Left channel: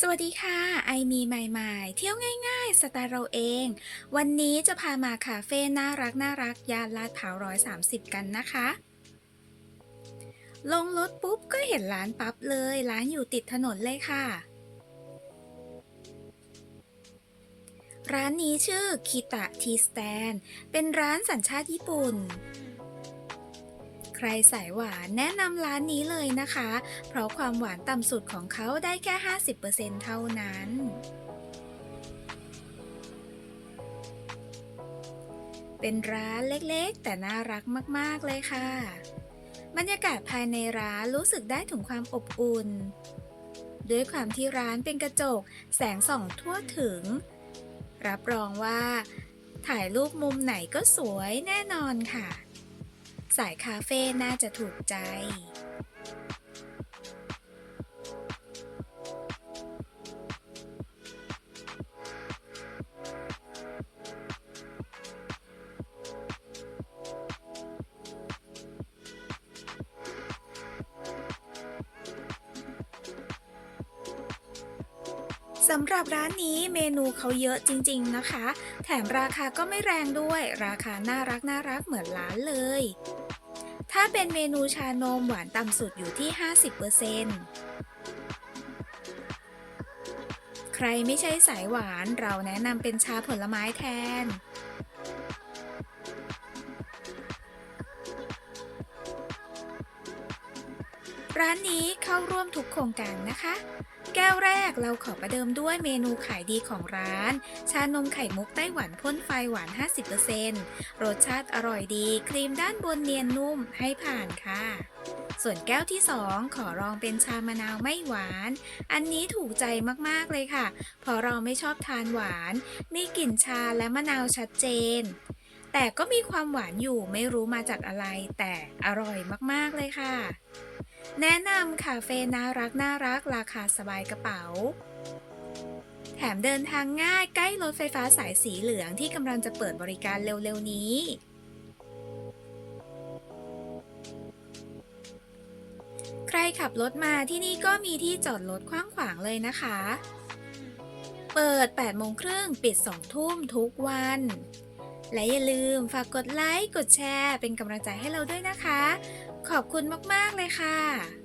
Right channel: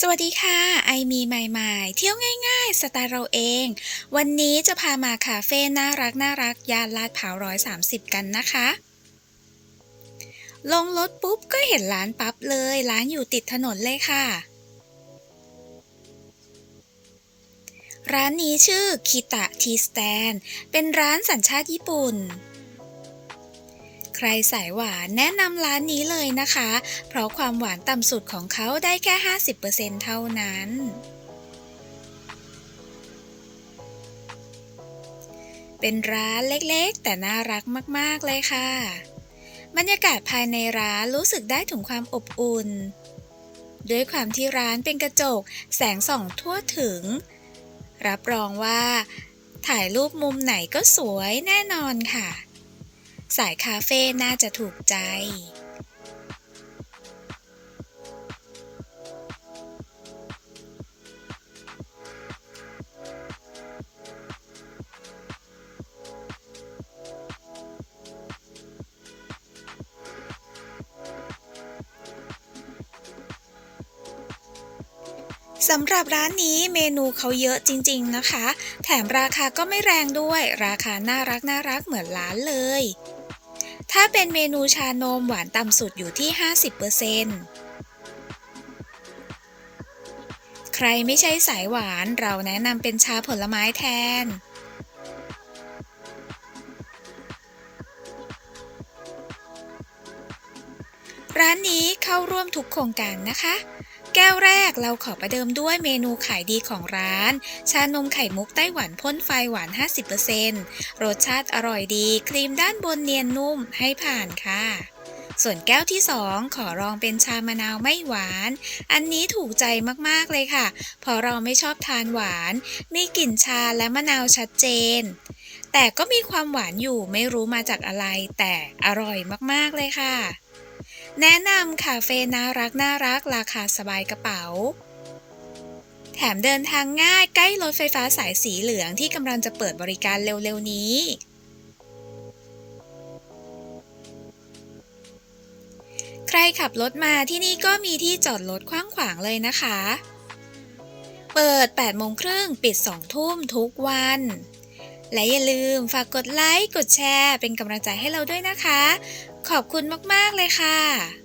สวัสดีค่ะ ไอมีใหม่ๆ เที่ยวง่ายๆ สไตล์เราเอง วันนี้จะพามาคาเฟ่น่ารักน่ารักย่านลาดพร้าวร้อยสามสิบกันนะคะ ลงรถปุ๊บก็เห็นร้านปั๊บเลย ร้านอยู่ติดถนนเลยค่ะ ร้านนี้ชื่อคิตะทีสแตน เป็นร้านสัญชาติญี่ปุ่น ใครสายหวานแนะนำร้านนี้เลยนะคะ เพราะความหวานต่ำสุดของเขาได้แค่ 50%เท่านั้นเป็นร้านเล็กๆ แต่น่ารักมากๆเลยค่ะ บรรยากาศภายในร้านรู้สึกได้ถึงความอบอุ่น ด้วยความที่ร้านเป็นกระจก แสงส่องทั่วถึง รับรองว่า ถ่ายรูปมุมไหนก็สวยแน่นอนค่ะ สายคาเฟ่น่าจะถูกใจ สำหรับร้านนี้เมนูเขาเยอะจริงๆนะคะ แถมราคาก็ไม่แรงด้วย ราคาน่ารักน่ารักเหมือนร้านเลย ถ้าเป็นเมนูชานมหวานต่ำสุดอยู่ที่ 50%ใครไม่ใช่สายหวานเราแนะนำเป็นชาผลไม้แทนร้านนี้เข้าร่วมทุกโครงการนะคะ แก้วแรกเราขอประเดิมด้วยเมนูขายดีของร้าน ชานมไข่มุกไต้หวันพ่นไฟหวาน 50%รสชาติอร่อยดี ครีมด้านบนเนียนนุ่มให้ผ่านค่ะ ส่วนแก้วที่ 2 ขอลองเป็นชามะนาวไม่หวาน อันนี้ถูกใจมากๆเลยค่ะ เพราะเราไม่ชอบทานหวาน มีกลิ่นชาและมะนาวชัดเจน แต่ก็มีความหวานอยู่ไม่รู้มาจากอะไร แต่อร่อยมากๆเลยค่ะ แนะนำคาเฟ่น่ารักน่ารักราคาสบายกระเป๋า แถมเดินทางง่ายใกล้รถไฟฟ้าสายสีเหลืองที่กำลังจะเปิดบริการเร็วๆนี้ ใครขับรถมาที่นี่ก็มีที่จอดรถกว้างขวางเลยนะคะ เปิด 8 โมงครึ่ง ปิด 2 ทุ่มทุกวัน และอย่าลืมฝากกดไลค์ กดแชร์ เป็นกำลังใจให้เราด้วยนะคะ ขอบคุณมาก ๆ เลยค่ะ